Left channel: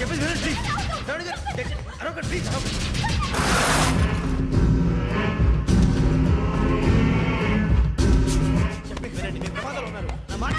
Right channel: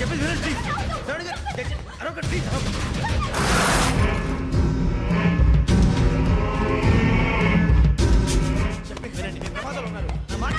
చెప్పేసి please. Please చెప్పేసి వినండి. మీ ప్రమాదాలు ఉన్నారు. నా మాట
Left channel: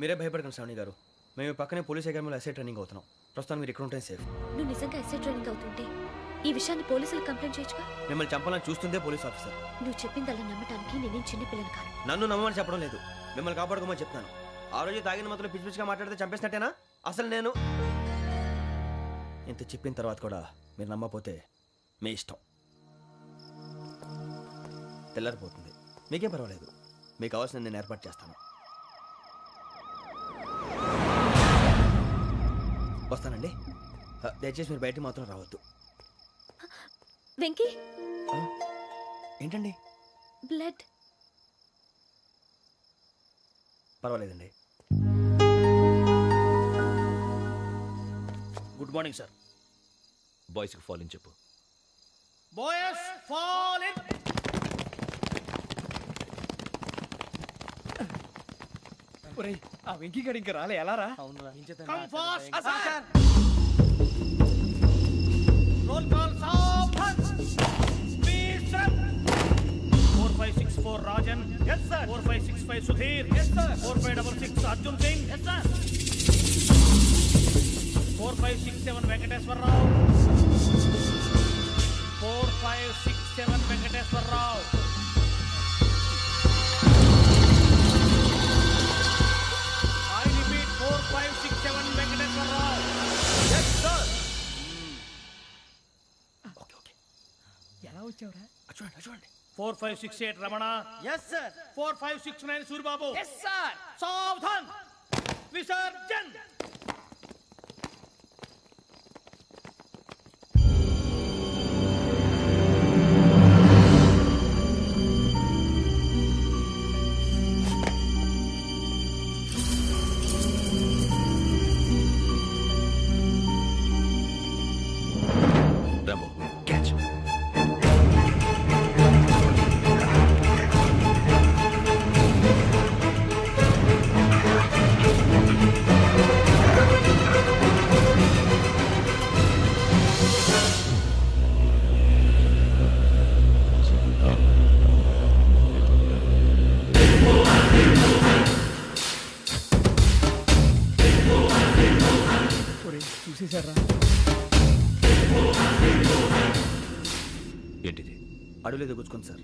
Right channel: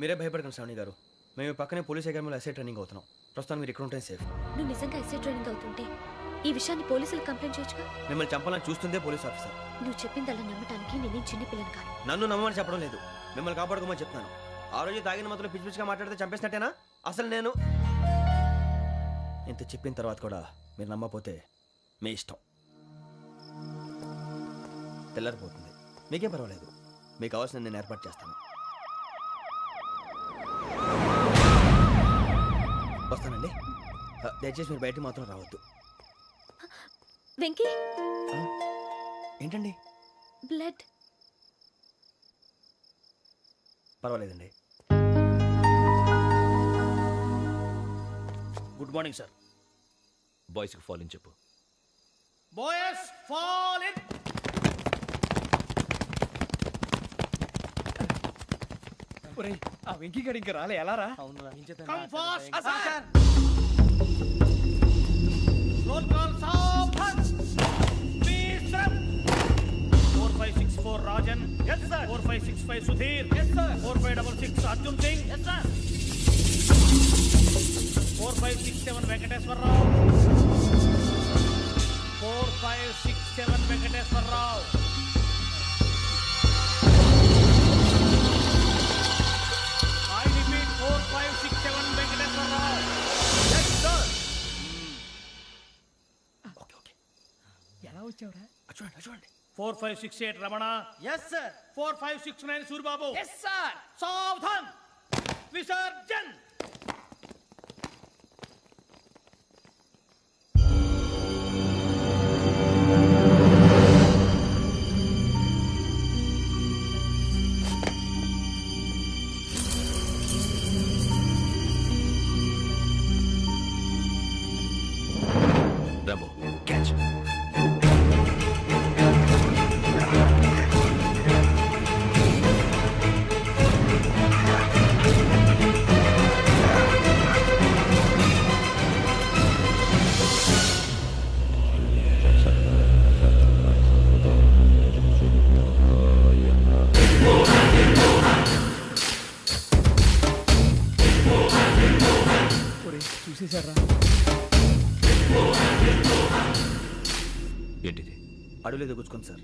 మీరే భయపడకండి శ్రావణి గారు. మేము పక్కనే పోలీస్ అకాడమీలో ఎస్ఐ ట్రైనింగ్ అవుతున్నాం. ప్రస్తుతం మీరు ఇక్కడ ఉంటే సేఫ్. నువ్వు నిజంగా ఎస్ఐ ట్రైనింగ్ అవుతుంటే ఈ విషయాన్ని పోలీసులకు కంప్లైంట్ చేయొచ్చుగా. మిమ్మల్ని చంపాలని చూస్తుందే పోలీస్ ఆఫీసర్. నువ్వు చెప్పిందల్లా నమ్మటానికి నేనేం చిన్న పిల్లని కాను. నన్ను నమ్మమని చెప్పడం లేదు, మిమ్మల్ని కాపాడుకోమని చెప్తాను. ఆ రోజు తాగిన మాత్రం పిచ్చి పిచ్చిగా మాట్లాడితే చంపేసినట్టేనా? అసలు నేను ఇంత చెప్పిన తర్వాత కూడా మీరు నమ్మపోతే మీ ఇష్టం. తెల్లారిపోతుంది, మీకేం పర్వాలేదు. మీకు కావాల్సిన నేను ఏర్పాటు చేస్తాను. వస్తానండి. దయచేసి మీరు బయటికి మాత్రం రావద్దు. వెంకీ, ఏంటండి? బ్లడ్. పర్వాలేదండి. Good morning sir. బాయ్స్కి ఫాల్ ఇన్ చెప్పు. Boys fall in. ఒరేయ్, ఆ వెంకీ గడి ఇంకా రాలే. ఎలా రా? Come fast sir. Roll call సావధాన్. Please sir. 4564 Rajan. yes sir. 4565 Sudheer. yes sir. 4566 Arjun Singh. yes sir. 4567 Venkateswararao. 4567 Venkateswararao. I repeat 4567 Venkateswararao. yes sir. Okay. ఎలా వచ్చావురా? చూడండి. 4568 Ramana. yes sir. 4569 Suribabu. yes sir. సావధాన్. విసర్జన్. Rambo catch. చూసేశారా? ఏంటిది? అడుగులేదు గుచ్చుకుంది సార్.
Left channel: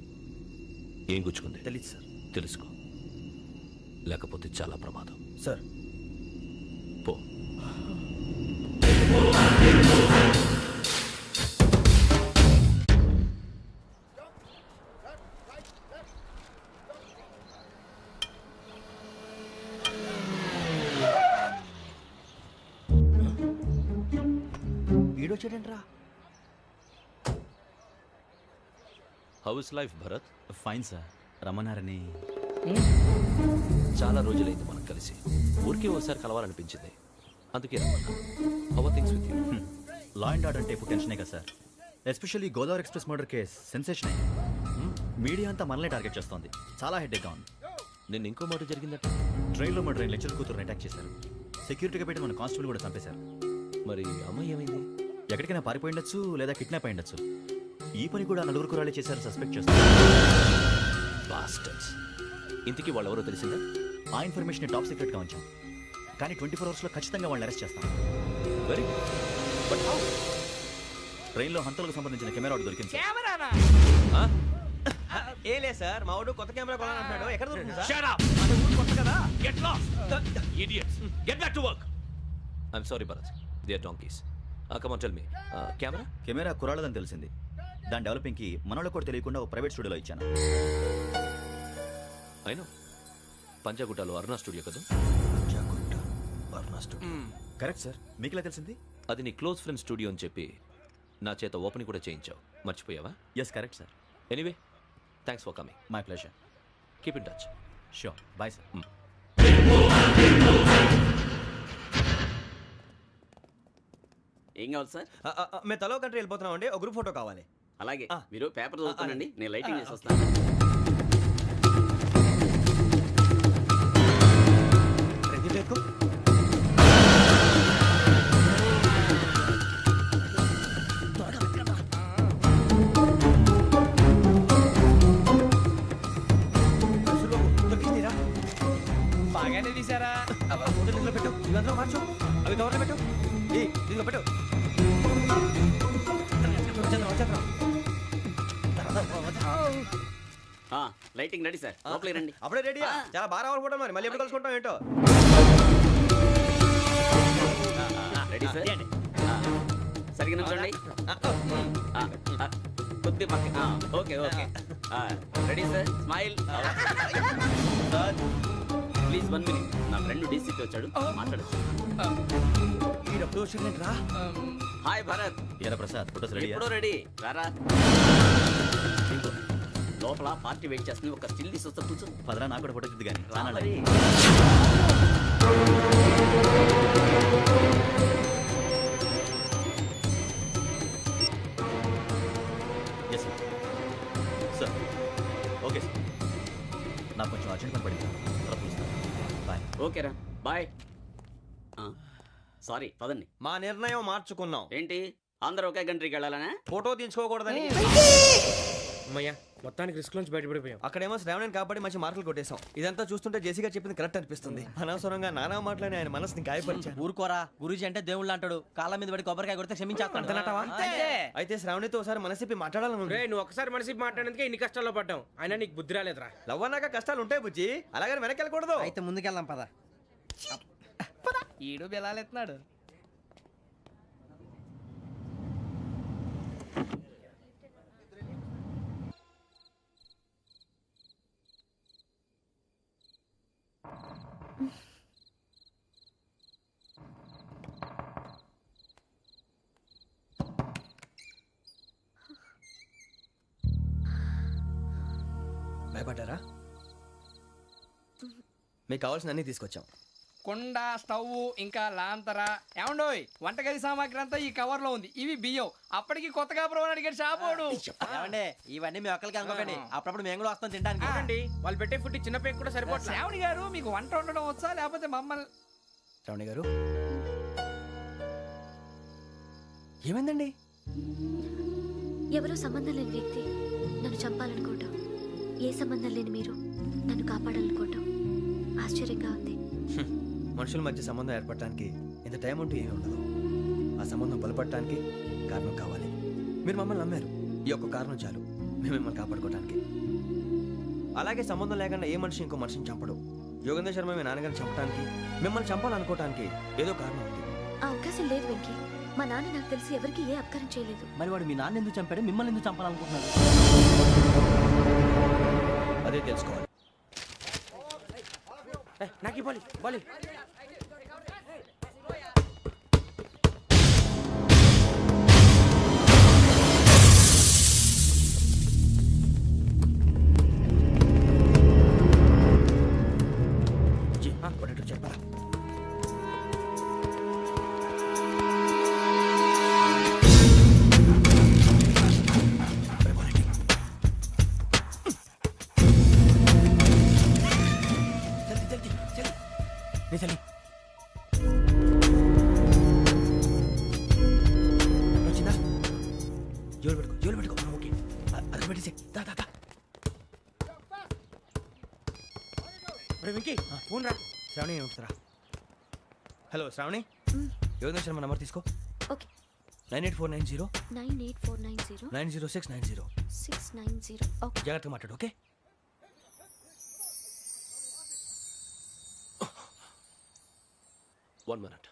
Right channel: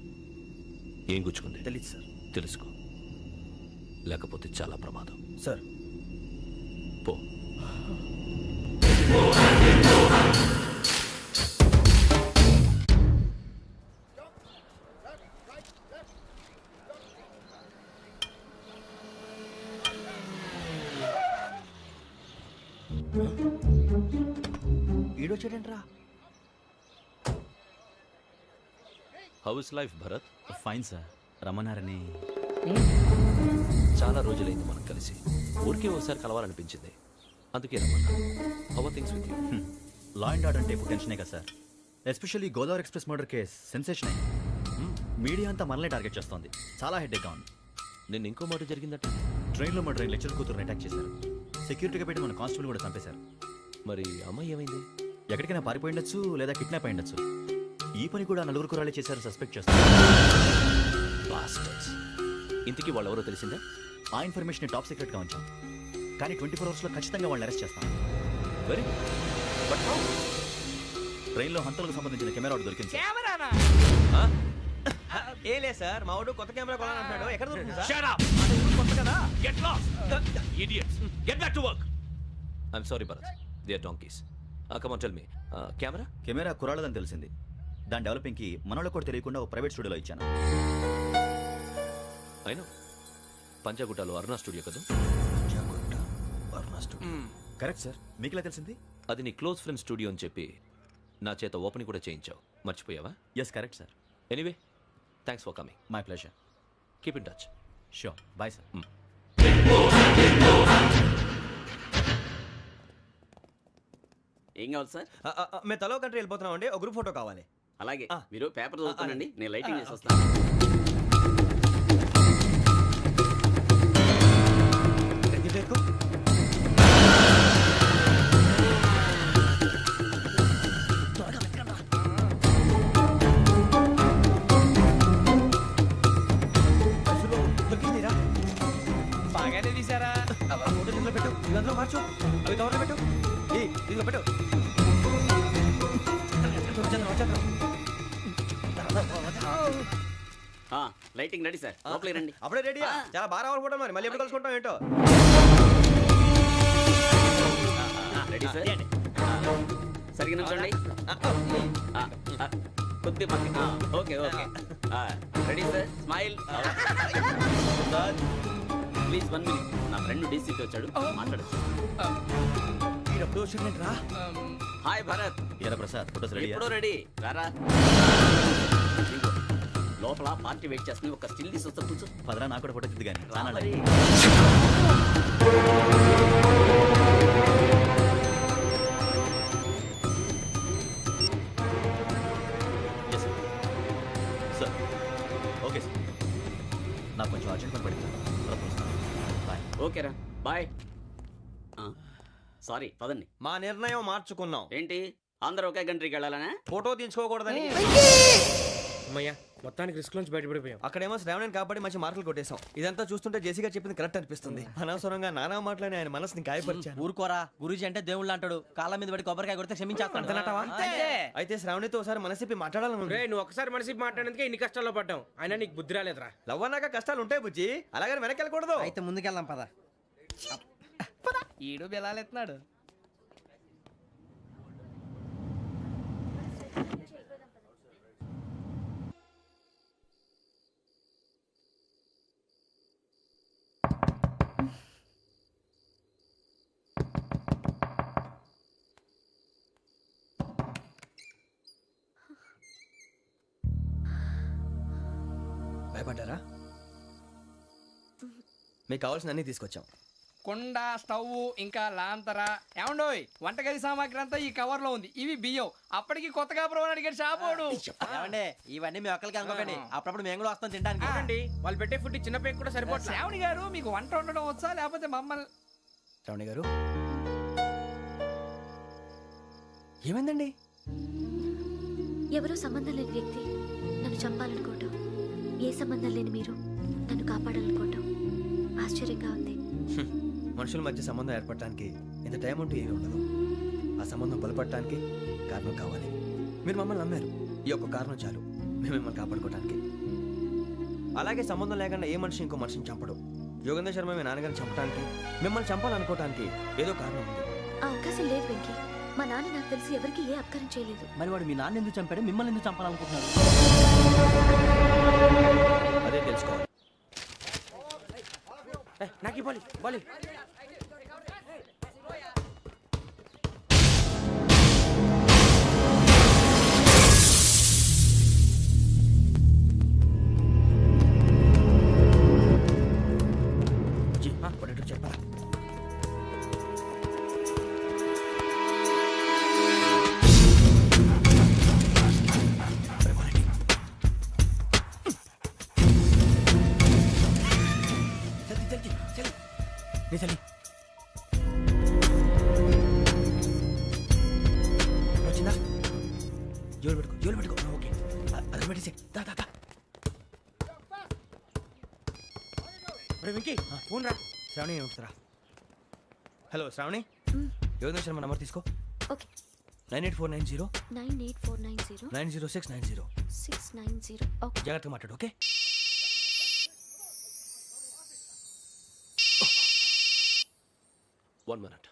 ఏం గుచ్చుకుంది? తెలీదు సార్. తెలుసుకో, లేకపోతే చాలా ప్రమాదం. సార్ పో. ఈడొచ్చాడంట్రా. How is life Bharat? Fine sir. రమ్మన్నారని. చాలా రోజులైంది మనం కలిసి. ఊరికే ఒకసారి కలవాలనిపించింది, అందుకే రమ్మన్నా. How are things with you? Law and order అంటే ఇప్పుడు టెన్షనే కదా సార్. Especially Godavari express murder case sensation అయింది. మీడియా అంతా మనల్ని టార్గెట్ చేస్తోంది. చాలా హెడ్ఏక్గా ఉంది. నిన్న ఇంకో మాట జరిగిందట. ట్రైన్లో మా ట్రైన్ లెక్చర్ కూతురుని అటాక్ చేశారు. సెక్యూరిటీగా పెట్టి మన కానిస్టేబుల్ కూడా చంపేశారు. మరి అమ్మాయి ఏమైంది? ఎక్కడికైనా పారిపోయిండొచ్చు, లేదా కిడ్నాప్ అయ్యుండొచ్చు. ఈ పని కూడా నలుగురు కురాలే చేశారు సస్పెక్ట్ చేస్తారు. బాస్టర్స్. ఇంతకీ వాళ్ళు ఎవరో తెలిసిందా? ఆ ఇన్ఫర్మేషన్ టాప్ సీక్రెట్గా ఉంచాం, కానీ 24 అవర్స్లో ఖచ్చితంగా వాళ్ళని అరెస్ట్ చేస్తాం. Very good. But how? ట్రైన్లో హంతలకు సంబంధించిన కెమెరా ఒకటి దొరికింది. కెమెరానా? ఏలే సార్, మా వాడు కొత్త కెమెరా కొనాలంటున్నాడు. ఎక్కడ దొరుకుతుంది సార్? Shut up. అంటే ఊరు కొత్త కదా. Get lost. Idiots. Get back to work. I'm sorry Bharat, they are donkeys. Come on tell me, camera? Camera కురాలదని తెలిసింది. దాని డెవలపింగ్కి మనోళ్ళకి కూడా తెలియకుండా ఒక ప్రైవేట్ స్టూడియోలో ఇచ్చాను. అయినా పంజాగుట్టలో అరుణా స్టూడియో కదా? పంజాగుట్ట వర్ణ స్టూడియో. కరెక్ట్ సార్, మీకు ఇలా తెలిసింది? అది నీ క్లోజ్ ఫ్రెండ్ స్టూడియో అని చెప్పి నా చేత ఓపెనింగ్ కూడా చేయించావు, మర్చిపోయావా? Yes correct sir. Anyway, thanks for coming. My pleasure. Keep in touch. Sure, bye sir. ఏం కావాలి సార్? మేము తలో కంట్రీ వెళ్ళిపోతున్నాం అండి, ఒక గ్రూప్ ఫోటో కావాలి. అలాగే ఆ. మీరు పేపర్ చదువుతానండి, నేను లైటింగ్ చేసి ఓకే. వస్తాను. రెడీ లేకు. బాగానే తీసారా? ఫోటో ఇందులో పెట్టు, ఇవి అందులో మార్చు, అవి కవర్లో పెట్టు, ఇదిగో పెట్టు. లైటింగ్ రెడీ సార్, లోపలికి రండి. అప్పుడే రెడీయా? చాలా బాగా రావాలి ఫోటో, మరి మళ్ళీ ఎప్పుడు కలుసుకుంటాం ఏంటో. Ready sir. సరిగ్గా నుంచోండి. కొద్ది పక్క. Okay okay. Ready sir, smile. Please 1 minute. నా ఫ్రెండ్ డీసీపీ వచ్చాడు, మాట్లాడచ్చు. ఈడప్పుడు వచ్చిందండి రా. హాయ్ భరత్. ఏరా ప్రసాద్, ఫోటోస్ రెడీ? ఎప్పుడో రెడీ. రారా. ఇదిగో, లోపల పార్టీ వెయిట్ చేస్తుంది, ఒక స్టిల్ తీసి వస్తా, కూర్చో. పదరా, నాకు కూడా ఫోటో చూద్దు కానీ. రా మరి. Yes sir. Sir okay sir, నాకు కొంచెం అర్జెంట్ పని పడింది, తర్వాత పిలుస్తాను. బాయ్. ఓకేరా, బాయ్. సారీ, పదండి. మా నిర్ణయం మార్చుకున్నాం. ఏంటి, అందరూ ఒకే కంట్రీకి వెళ్ళాలనే? ఫోటో తీసుకోకూడదని. అమ్మయ్యా, మొత్తానికి రిస్క్ నుంచి బయటపడిపోయాం. అక్కడేమో శ్రావణిని కాబట్టి మంచి మార్కులు కొట్టేశాం. ఇదంతా చూస్తుంటే జేసీగా చెప్పింది కరెక్ట్ అనిపిస్తుంది. అనవసరంగా నానా మాటలని ఆయన మనసుని గాయపరిచాను. ఊరుకోరా, గురూజీ అంటే దేవుళ్ళు అంటాడు. కాళ్ళ మీద పడి కొబ్బరికాయ కొడితే క్షమించేస్తాడు. అయితే శ్రావణితో ఒకసారి మనసిప్పి మాట్లాడాలను. నువ్వు ఒకసారి మనిషి మాట్లాడేందుకే ఇన్ని కష్టాల్లో పడ్డాం. అయినా నీకు బుద్ధి రాలేదురా. లవ్ అన్నాక కష్టాలు ఉంటాయి బుజ్జి, అలాగని వెనక్కి వెళ్ళకూడదు. అయితే ముందుకెళ్దాం పద. ఈడు బెలాలెత్తున్నాడు. భయపడ్డారా? మీకు కావాల్సిన అన్ని తీసుకొచ్చాం. కుండ, స్టవ్, ఇంకా లాంతర. ఏమండోయ్, వంటగది సామాగ్రి అంతా ఈ కవర్ లో ఉంది. ఇవి బియ్యం. అప్పటికి కొత్తగా బ్రో అడిగాడు షాపోడు. ఏమండి, ఇవన్నీ మీ ఒక్కరికి అనుకోకండి, అప్పుడప్పుడు మేము కూడా వస్తాం తినడానికి. చూడండి, వాళ్ళు పెట్టే ఫుడ్ చిన్న పేరు కూడా సరిపోతుంది. శ్రావణి గారు, మీకు వంట వండడం వచ్చా, లేకపోతే మమ్మల్ని? శ్రావణి గారు, ఏమైందండి? ఎవరో సంబంధం లేని వ్యక్తి నన్ను చంపాలనుకోవటం, ఏ సంబంధం లేని మీరు నన్ను కాపాడాలనుకోవటం ఆశ్చర్యంగా ఉంది. మనుషుల మధ్య సంబంధం ఏర్పడటానికి ఇంత టైం ఉంటూ ఏమీ ఉండదు. ఆ సంబంధం బలపడటానికి కారణం కావాలి. మీరు మమ్మల్ని నమ్మారు, ఈ ఒక్క కారణం చాలు మేము మిమ్మల్ని కాపాడుకోవడానికి. అలాగే సంబంధం లేకుండా ఏ మనిషి ఇంకో మనిషిని చంపడు. యోగేంద్ర శర్మ మీ నాన్నగారిని చంపడానికి, మిమ్మల్ని చంపాలనుకోవటానికి ఏదో కారణం ఉంది. ఆ అవకాశం లేదు వెంకీ. మా నాన్న నాకు తెలిసి ఎవరికి ఏ అపకారం చేయలేదు. మరి వాడు మీ నాన్న ఎందుకు చంపాడు, మిమ్మల్ని ఎందుకు చంపాలనుకుంటున్నాడు? అదే తెలుసుకోవాలి. నాకు ఇవ్వాలి, ఇవ్వాలి. చెప్పరా? చలి వచ్చిందా? జోలు పెట్టుకో. ఓకే, అది పెట్టేసి వెంకీ, ఫోన్ రా. శ్రావణి ఏమిటరా? హలో శ్రావణి, యోగేంద్ర శర్మ నంబర్ తీసుకో. ఓకే. 98490 98490 90690. 690. ఓకే. జాగ్రత్తగా మాట్లాడు. ఓకే. One minute.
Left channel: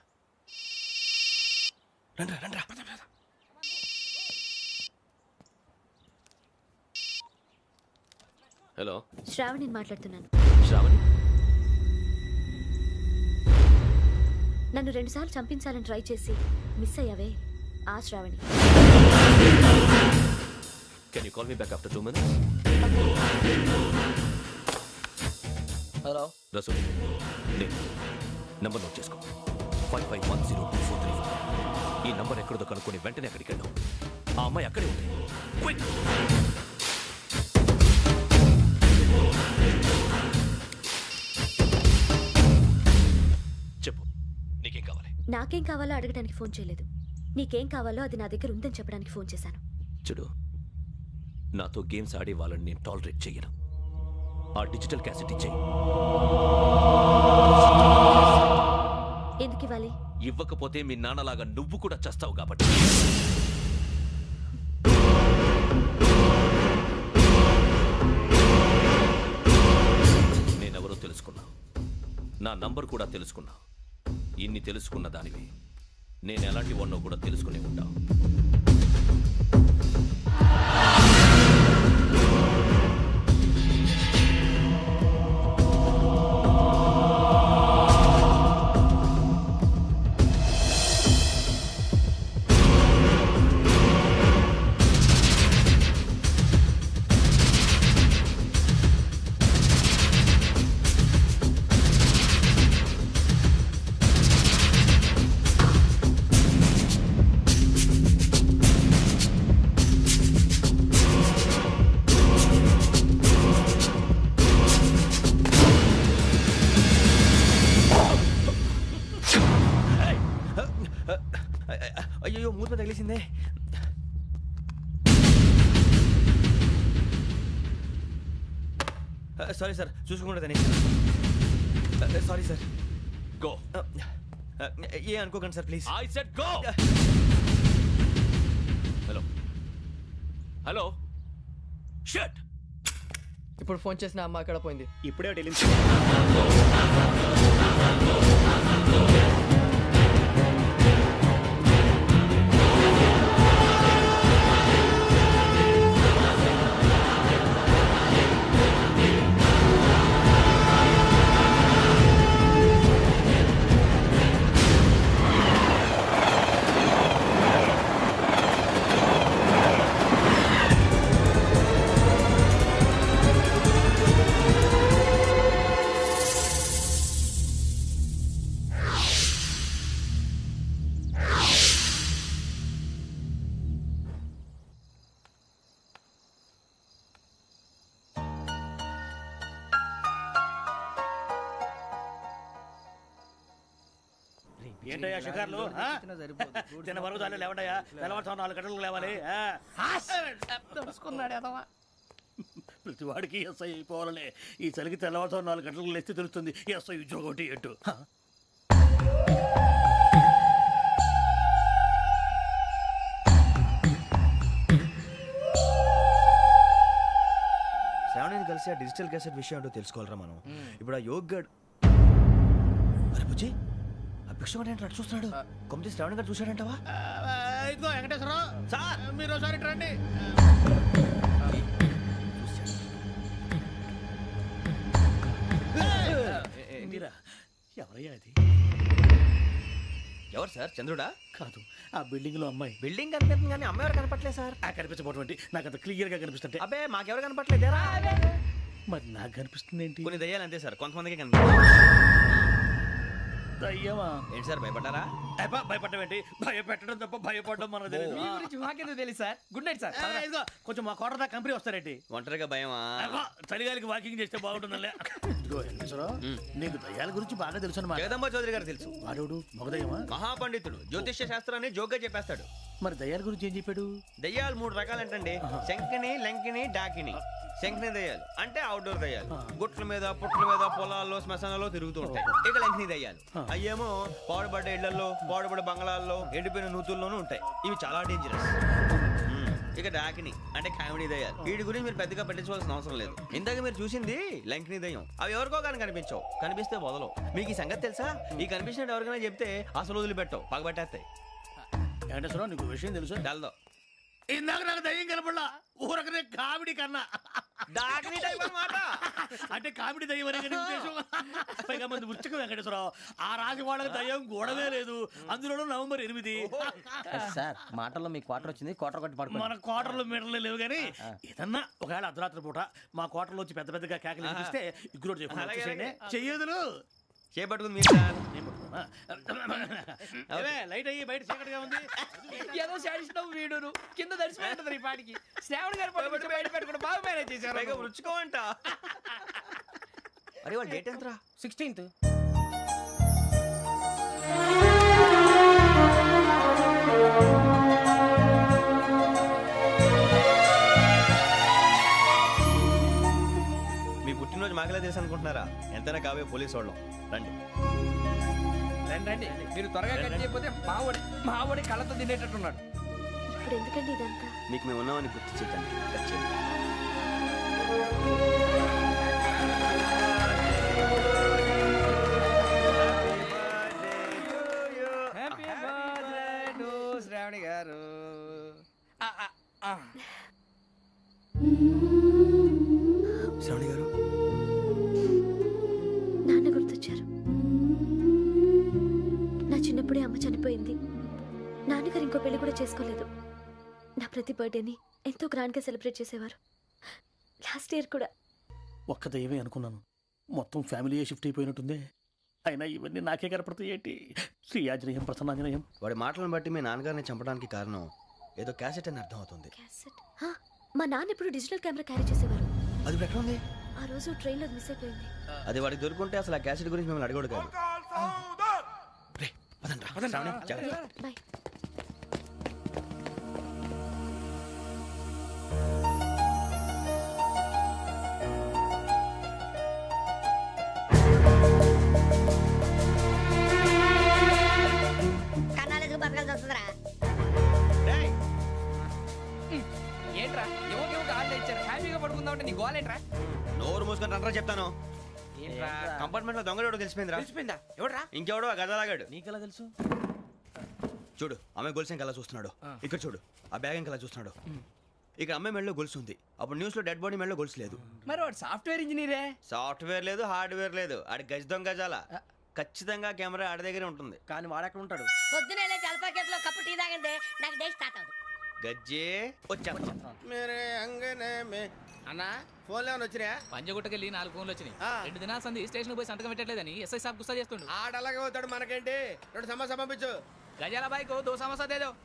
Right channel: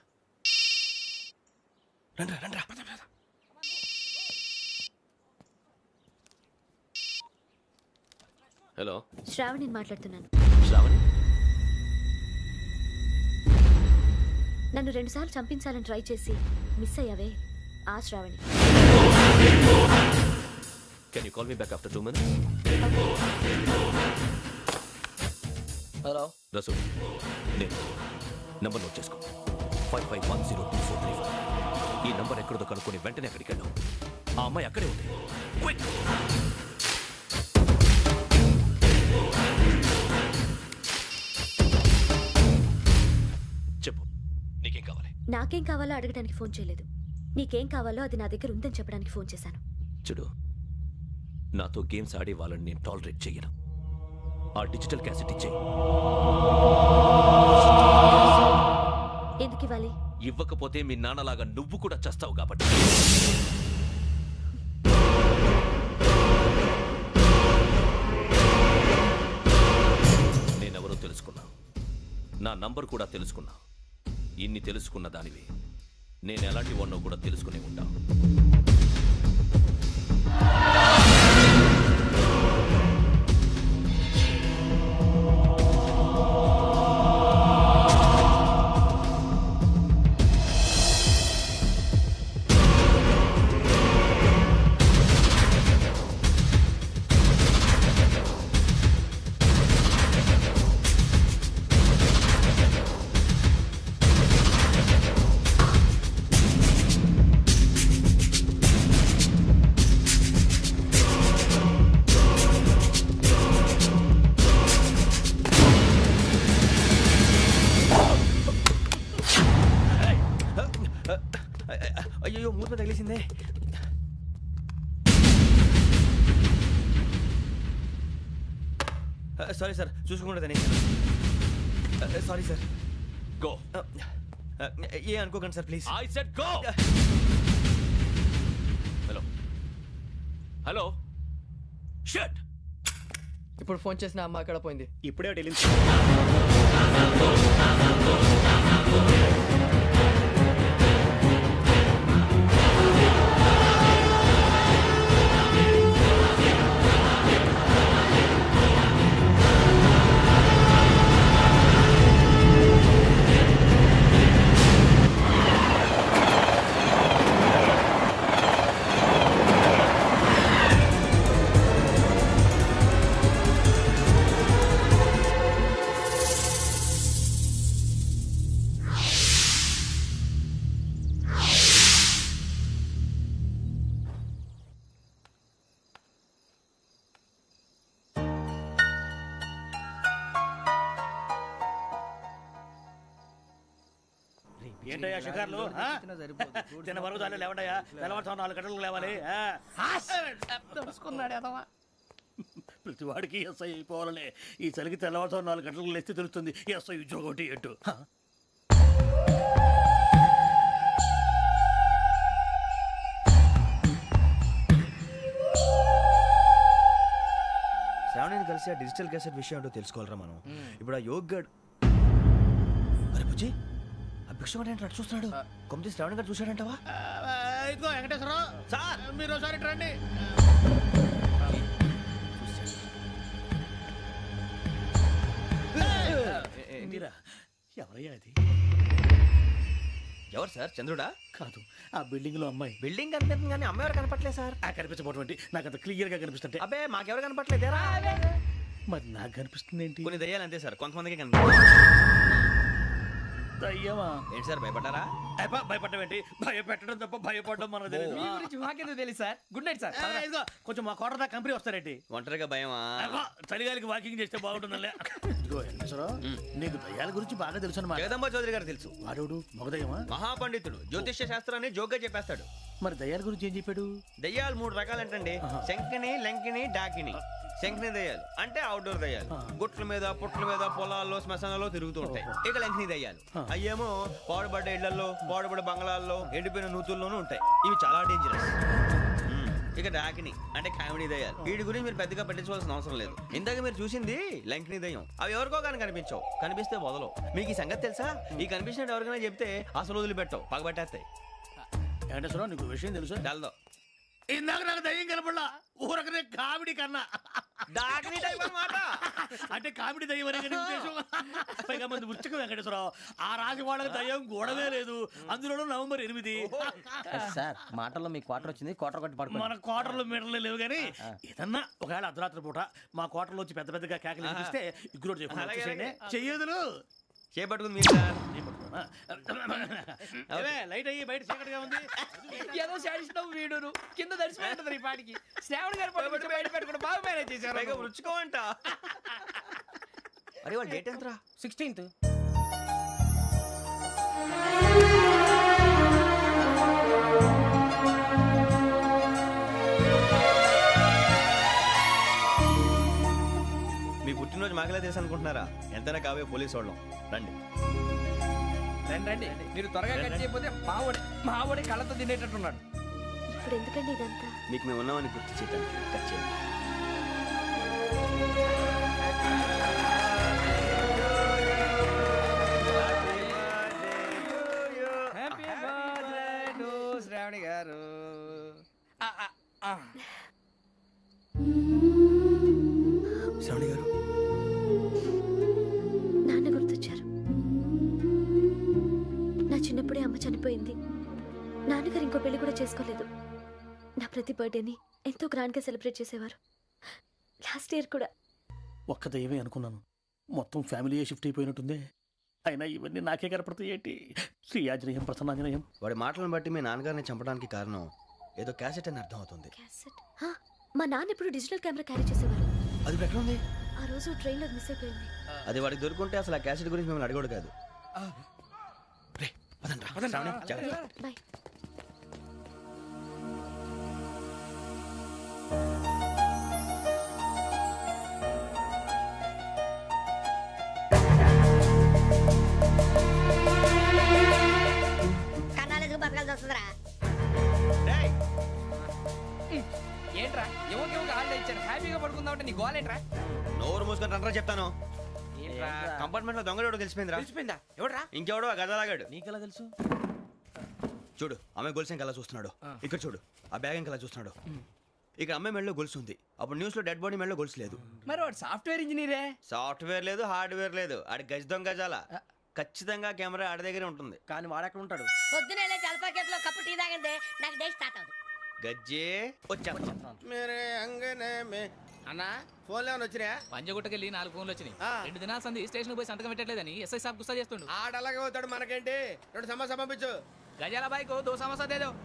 రండ్రా రండ్రా. హలో శ్రావణిని మాట్లాడుతున్నాను. శ్రావణి, నన్ను 2 సార్లు చంపించాలని ట్రై చేసి మిస్ అయ్యావే, ఆ Sravani. Can you call me back after 2 minutes? Hello Rasool, నేను నంబర్ నోట్ చేసుకో. 55102435. ఈ నంబర్ ఎక్కడదో కనుక్కొని వెంటనే అక్కడికి వెళ్ళాం. ఆ అమ్మాయి అక్కడే ఉంది. క్విక్! చెప్పు, నీకేం కావాలి? నాకేం కావాలో అడగడానికి ఫోన్ చేయలేదు. నీకేం కావాలో అది నా దగ్గర ఉందని చెప్పడానికి ఫోన్ చేశాను. చూడు, నాతో గేమ్స్ ఆడే వాళ్ళని నేను టాలరేట్ చెయ్యను. ఆ డిజిటల్ క్యాసెట్ ఇచ్చేయి. ఎందుకు ఇవ్వాలి? ఇవ్వకపోతే మీ నాన్నలాగా నువ్వు కూడా చేస్తావు కాబట్టి. నేనెవరో తెలుసుకున్నా, నా నంబర్ కూడా తెలుసుకున్నా. ఇన్ని తెలుసుకున్న దానివి నేను ఎలాంటి వాడినో కూడా తెలుసుకునే ఉంటా. అయ్యో, మూత తగిలేసిందే. సారీ సార్, చూసుకోకుండా తినేసాను. Sorry sir. గో. ఏ అనుకోకండి sir, please. I said go. Hello hello, shut. ఇప్పుడు ఫోన్ చేసిన అమ్మ అక్కడ పోయింది. ఇప్పుడే వెళ్ళింది. ఏంటయ్యా షికార్లు? తిన్న వరకు దాన్ని లేవండయ్యా. తెల్లవారుతో 4 గంటలకు లేవాలి. తెలుసుకున్నాడు ఎదవా. ప్రతి వాడికి ఎస్ఐ అయిపోవాలనే ఈ చలికి తెల్లవారుతో 4 గంటలకు లేస్తే తెలుస్తుంది ఎస్ఐ ఉద్యోగం ఒకటి ఎటు. శ్రావణిని కలిసి ఆ డిజిటల్ క్యాసెట్ విషయం ఏంటో తెలుసుకోవాలరా మనం. ఇప్పుడు ఆ యోగ్ గడ్, అరే బుజ్జి, ఆ భిక్షం అంటే అటు చూస్తున్నాడు. కొమ్మతి శ్రావణి గారు చూశాడంటావా? ఇదిగో వెంకటేశ్వరరావు సార్, మీరు ఒకసారి రండి. ఎవరయ్యా అది? ఎవరు సార్? చంద్రుడా? కాదు, ఆ బిల్డింగ్ లో అమ్మాయి. బిల్డింగ్ కనిపిస్తుంది కానీ అమ్మాయి ఎవరు కనపట్లేదు సార్. కనిపించబోటువంటి నాకు అంత క్లియర్ గా కనిపిస్తుంటే. అబ్బే, మాకెవరు కనపట్లేదేరా? మరి నాకు కనిపిస్తుంది ఏంటి? కొన్ని దయ్యాలు అంతే సార్, కొంతమందికి కనిపిస్తుంది. దయ్యమా? ఏంటి సార్, భయపడ్డారా? భయపడడం ఏంటి? భయపెట్టడం తప్ప భయపడడం మనకు తెలియదు. మీ గురించి మాకేదో తెలుసు సార్. Good night sir. ఇదిగో కొంచెం మా కోట దాకా కంపెనీ వస్తారేంటి? ఒంటరిగా భయమా? చలిగాలికి వాకింగ్ చేస్తే బాగుంటుందిలే. ఇదిగో వెంకటేశ్వరరావు, నీకు దయ్యాల గురించి బాగా తెలుసు అన్నమాట. జగదంబ చౌదరి గారు తెలుసు. వాడు మగదయ్యమా? మహాపండితుడు, జ్యోతిష్య శాస్త్రాన్ని జోగ్గా చెప్పేస్తాడు. మరి దయ్యాల గురించి ఏం చెప్పాడు? దయ్యాలు 3 రకాలంటండి. శంకిని, లంకిని, డాకిని. శంకిని దయ్యాలు అంటే అవుట్డోర్ దయ్యాలు, గుట్ల మీద పుట్ల మీద పొలాల్లో శ్మశానాల్లో తిరుగుతూ ఉంటాయి. ఇక లంకిని దయ్యాలు అయ్యేమో పాడుబడ్డ ఇళ్లలో, పాడుబడ్డ బంగ్లాల్లో, ఎండిపోయిన నూతుల్లోనూ ఉంటాయి. ఇవి చాలా డేంజరస్. ఇక డాకిని అంటే కామెడీ దయ్యాలు. వీటి గురించి మీరు పెద్దగా పట్టించుకోవాల్సిన అవసరం లేదు. ఇందాక మీరు చూసింది లంకిని దయ్యం. అవి ఎవరికో కానీ కనిపించవు, కనిపిస్తే వదలవు. మీకు ఈ సంగతి తెలుసా? ఈ కనిపించినట్టు ఎవరికైనా చెప్తే అసలు వదిలిపెట్టవు, పగబట్టేస్తాయి. వెంకటేశ్వరరావు నీకు విషయం తెలుసు డల్దో ఇందాక నాకు దయ్యం కనపడలా ఊరకనే కామెడీ కన్నా డాకిని టైప్ అన్నమాట. అంటే కామెడీ దయ్యం అనే కదా ఉద్దేశం. పైగా మంది ఉచ్చక వెంకటేశ్వరరావు ఆ రాజు వాళ్ళకి దయ్యం గోడవే లేదు, అందులోనూ నవంబర్ 8. సార్ మాటల్లో మీ క్వార్టర్ వచ్చింది, క్వార్టర్ కొట్టి పడుకో. మన క్వార్టర్లు మీటర్లు లేవు కానీ ఏదన్నా ఒకవేళ అర్ధరాత్రి పూట మా క్వార్టర్లో వచ్చి పెద్ద పెద్దగా కేకలు వినిపిస్తే ఇగ్గురు చెప్పండి చెయ్యదులు చేపట్టుకుంది మీరు సార్. నేను పట్టుకున్నా లైట్ అయ్యి బయట చీకటిగా ఉంది. ఏదో శాడిస్తావు వీడును కింద దర్శనం ఈ పాటికి శ్రావణ్ గారు పట్టుబట్టి బయట పెట్టుకుంటే బాగా మేనేజ్ చేశారు. పైగా రుచుకోమంట. అరే వాళ్ళ డేట్ ఎంతరా? 16th. మీ పుట్టినరోజు మాకలే తెలుసు అనుకుంటున్నారా? ఎంతైనా కావే పోలీసు వాళ్ళం. రండి రండి మీరు త్వరగా కట్ చేయకపోతే మావడి కళ్ళతో తినేటట్టున్నాడు. ఇప్పుడు ఎందుకండి ఇదంతా? మీకు మేము ఉన్నామని గుర్తు చేయడానికి కట్ చేయండి. హ్యాపీ బర్త్డే టు శ్రావణి గారు. శ్రావణి గారు నాన్న గుర్తొచ్చారు. నా చిన్నప్పుడే అమ్మ చనిపోయింది. నాన్నగారు ఇంకో పెళ్లి కూడా చేసుకోలేదు. నా ప్రతి బర్త్డేని ఎంతో గ్రాండ్గా సెలబ్రేట్ చేసేవారు. లాస్ట్ ఇయర్ కూడా. ఒక్క దయ్యమే అనుకున్నాను, మొత్తం ఫ్యామిలీయే షిఫ్ట్ అయిపోయినట్టుందే. అయినా ఇవన్నీ నాకే కనపడతాయి ఏంటి? శ్రీ ఆంజనేయం ప్రసన్నాంజనేయం. వాడి మాటలను బట్టి మీ నాన్నగారిని చంపడానికి కారణం ఏదో క్యాసెట్ అని అర్థం అవుతుంది. క్యాసెట్? మా నాన్న ఇప్పుడు డిజిటల్ కెమెరా క్యారీ చేసేవారు. అది ఇప్పుడు ఎక్కడ ఉంది? ఆ రోజు ట్రైన్లో మిస్ అయిపోయింది. అది వాడికి దొరుకుంటే అసలు ఆ క్యాసెట్ గురించి మిమ్మల్ని అడగడు కాదు. రే, పదండ్రా. శ్రావణి, జాగ్రత్త. బాయ్. కన్నాలకు బతకాల్సి వస్తుందిరా. ఏంట్రా యువక హాలిడే ఇచ్చారు, హ్యాపీగా పడుకుందాం అంటే నీ గోలేంట్రా? నోరు మూసుకొని రండ్రా చెప్తాను. ఏంట్రా కంపార్ట్మెంట్ లో దొంగడు తెలిసిపోయిందిరా. తెలిసిపోయిందా? ఎవడ్రా? ఇంకెవడో ఆ గదలాగాడు. నీకెలా తెలుసు? చూడు అమ్మాయి గొలుసు ఇంకలా చూస్తున్నాడు. ఇక్కడ చూడు ఆ బ్యాగ్ ఇంకలా చూస్తున్నాడు. ఇక్కడ అమ్మాయి మెడలో గొలుసు ఉంది. అప్పుడు న్యూస్ లో డెడ్ బాడీ మెడలో గొలుసు లేదు. మరి వాడు సాఫ్ట్వేర్ ఇంజనీరే. సాఫ్ట్వేర్ లేదు, హార్డ్వేర్ లేదు. ఆడి గజ దొంగ గజాల. ఖచ్చితంగా కెమెరా ఆడి దగ్గరే ఉంటుంది. కానీ వాడెక్కడ ఉంటాడు? పొద్దునే లేచి అల్పా కేఫ్లో కప్పు టీ తాగిందే నాకు డే స్టార్ట్ అవుతుంది. గజ్జే వచ్చా. అన్నా ఫోన్లో ఏమైనా వచ్చినాయా? పంజగుట్టకెళ్ళి 4 ఫోన్లు వచ్చినాయి. 2 దినాల సంది స్టేషన్ పోయి సంతకం పెట్టలేదని ఎస్ఐ సాబ్ గుస్తా చేస్తుండు. ఆడలాగే పోతాడు, మనకేంటి? 2 సమస్య పంపించు. గజాల బైక్ 2 సమస్య దేదో.